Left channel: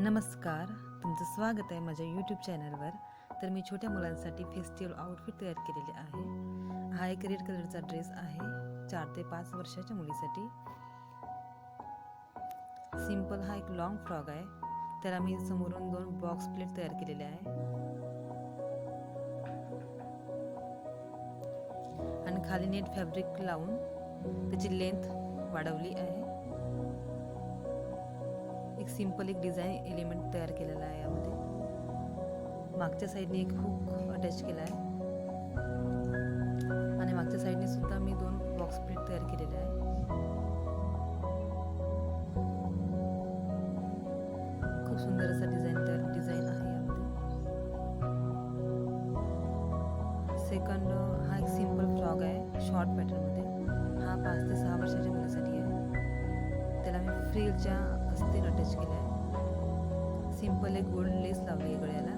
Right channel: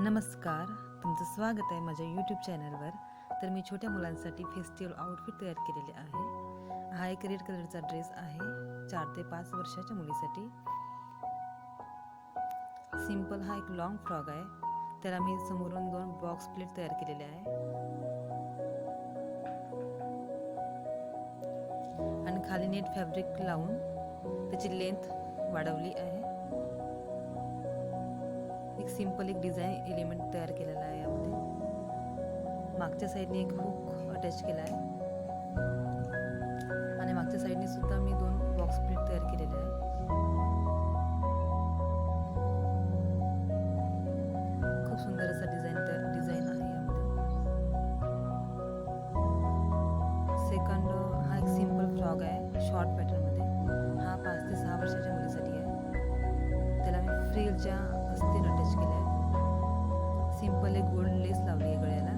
नमस्कार, तुमचं स्वागत आहे माझ्या यूट्यूब चॅनलवर. तर मी छोट्या मुलांसाठी फेस्टिवल आउटफिट तयार केलेले आहे. हा एक रेड कलरचा ड्रेस आहे 4 ते 5 वर्षाच्या मुलीसाठी. सिंपल हा एक लॉंग फ्रॉक आहे. त्याला मी समोरून 2 बॉक्स प्लेट तयार केलेले आहे आणि खाली नेट फॅब्रिक लावून त्याची लेंथ वाढवली आहे. एक सिंपल डिझाईन एलिमेंट तयार केलेला आहे. यामध्ये मागच्या साईडने एक हुक अटॅच केला आहे आणि मागच्या साईडने सुद्धा मी 2 बॉक्स प्लेट तयार केलेले आहे. खूप सुंदर असा डिझाईन आहे यामध्ये. सेकंड हा एक सिंपल फ्रॉक आहे शॉर्ट पॅटर्नमध्ये. हा 5 ते 6 वर्षाच्या मुलीसाठी आहे. त्याला मी फ्रिलच्या अस्तीन अटॅच केलं आहे. सिंपल एक गोल्ड लेस लावली आहे गळ्याला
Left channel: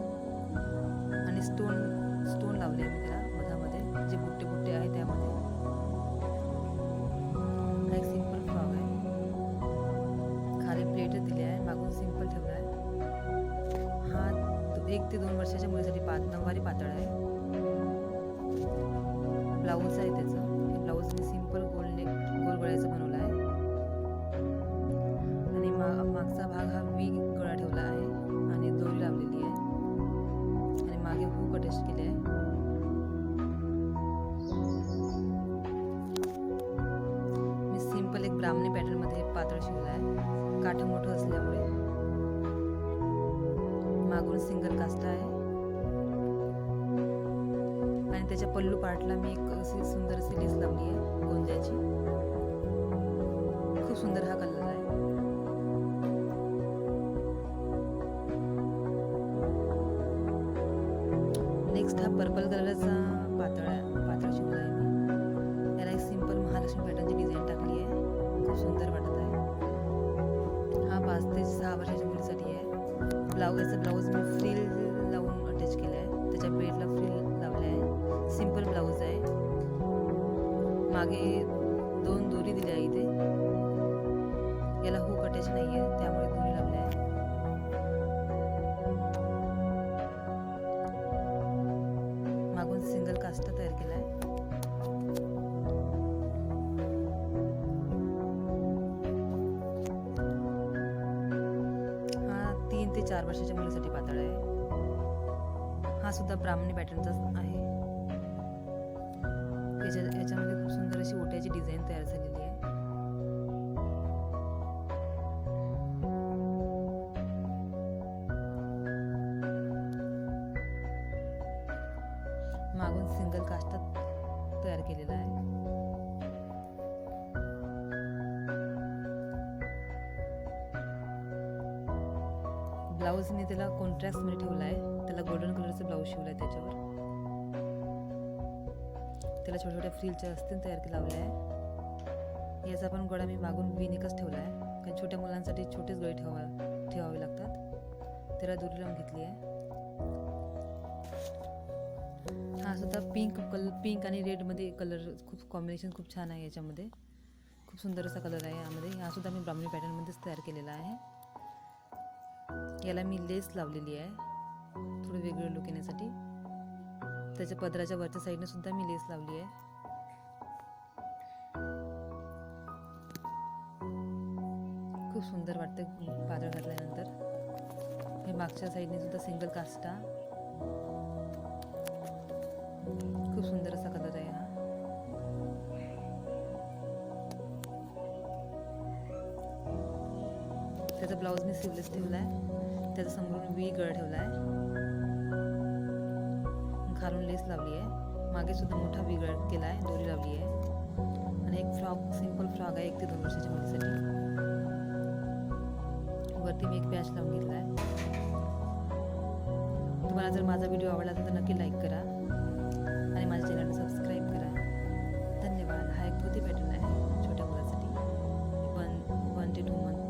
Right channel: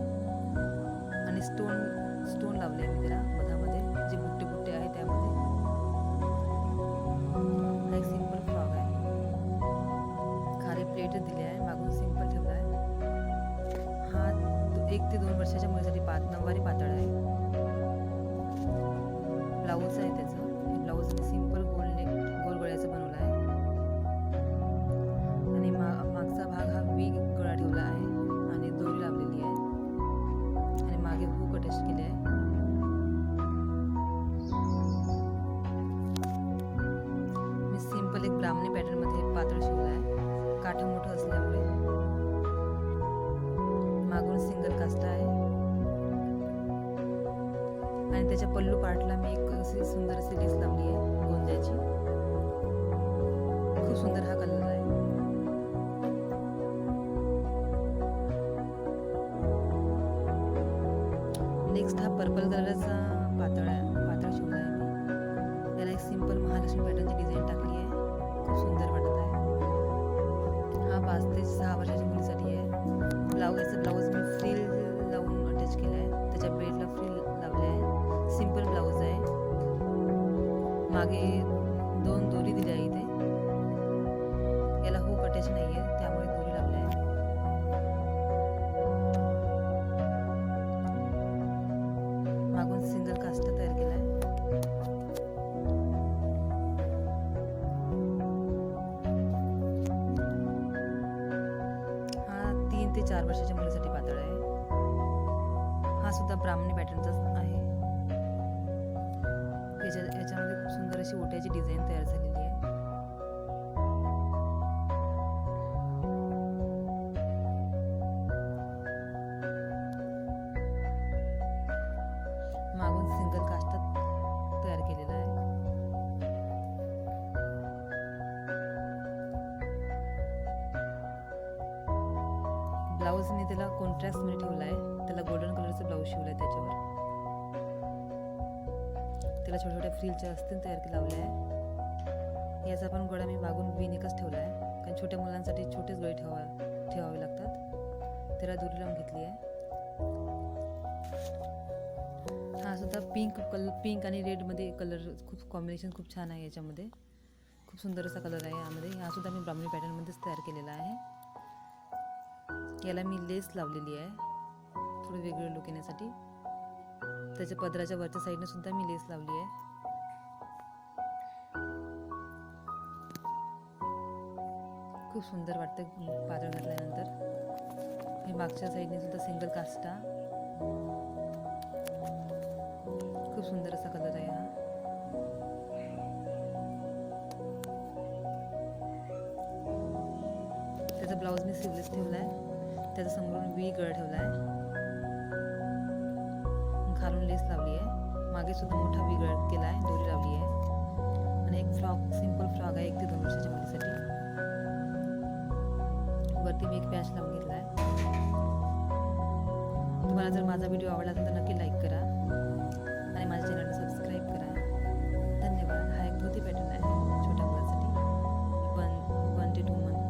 आणि स्टोन लावले आहे मी त्याला मधामध्ये, जे बुट्टे आहे त्यामध्ये. हा एक सिंपल फ्रॉक आहे. खाली प्लेट दिली आहे, मागून सिंपल ठेवला आहे. हा 1 ते 2 वर्षाच्या मुलीसाठी नऊवारी पातळ आहे. ब्लाऊज आहे त्याचं. हे ब्लाऊज मी सिंपल गोल गळ्याचं बनवलं आहे आणि मागचा भाग हा वी गळा ठेवला आहे आणि दोरी लावलेली आहे आणि मागे हुक अटॅच केले आहे. मी सिंपल एक ब्राह्मणी पॅटर्न मध्ये पातळ शिवला आहे. काठ मोठं असल्यामुळे. मागून सिंगल काष्टा आहे आणि त्याच्या पल्लू पार्टला मी एक अशी सुंदर अशी लेस लावली आहे गोंद्याची. खूप सुंदर हा कलर आहे. नेक्स्ट हा पर्पल कलरचा पातळ शिवला आहे मी. याला एक सिंपल महालक्ष्मी पॅटर्नची डिझाईन टाकली आहे. खूप सुंदर वाटत आहे. हा 5 ते 6 वर्षाच्या मुलीसाठी आहे. याचं ब्लाऊज मी फ्रिल लावून अटॅच केलं आहे. त्याच्या बेल्टला फ्रिल लावले आहे. सिंपल ब्लाऊज आहे. मागे 2 दोरी दिल्या आहे इथे. याला हुक अटॅच नाही आहे त्यामुळे दोरी लावली आहे. मागून सिंगल काष्टा तयार केला आहे. हा 3 ते 4 वर्षाच्या मुलीसाठी पातळ आहे. हा सुद्धा ब्राह्मणी पॅटर्नचाच आहे. याच्यामध्ये खूप सुंदर अशी ओट्याची डिझाईन तयार झालेली आहे. मागून सिंगल काष्टा तयार केलेला आहे. ब्लाऊज मी त्याला कॉन्ट्रास्ट मध्ये ठेवला आहे. त्याला गोल्डन कलरचा ब्लाऊज शिवला आहे. त्याच्यावर त्याला छोट्या फ्रिलच्या अस्तीन तयार लावल्या आहे. याचा पण गळा मी मागून विनिकच ठेवला आहे, कारण छोट्या मुलांसाठी छोटेच गळे ठेवावे लागतात. त्याला दोरी लावून घेतली आहे. हा सुद्धा पिंक आणि रेड मध्ये कलर खूप कॉम्बिनेशन खूप छान आहे. याच्यामध्ये खूप सुंदर असा कलर आहे यामध्ये. हा सुद्धा मी ब्राह्मणी पॅटर्न मध्येच तयार केलेला आहे. याला मी लेस लावलेली आहे थोडं वेगळं लुक येण्यासाठी. त्याच्या पदराच्या वरच्या साईडने सुद्धा मी लेस लावली आहे. खूप सुंदर वाटतं पातळ घातल्यानंतर. हे मागच्या साईडने सुद्धा सिंगल काष्टा. खूप सुंदर असा कलर आहे हा. त्याचा ब्लाऊज मी सिवलेस ठेवला आहे. त्याचा समोरून वी गळा ठेवला आहे. खालून लेस लावली आहे. मागे सुद्धा मोठा वी गळा केला आहे, दोरी लावली आहे आणि एक सिंपल फ्रॉक आहे 1 ते 2 वर्षाच्या मुलीसाठी. वरती मी एक पॅच लावून घेतला आहे. तुम्हाला जर माझा व्हिडिओ आवडला असेल तर नक्की लाईक करा आणि माझ्या चॅनलला सबस्क्राईब करा. धन्यवाद. हा एक धोती पॅटर्न आहे छोट्या मुलांसाठी. 1 ते 2 मंथ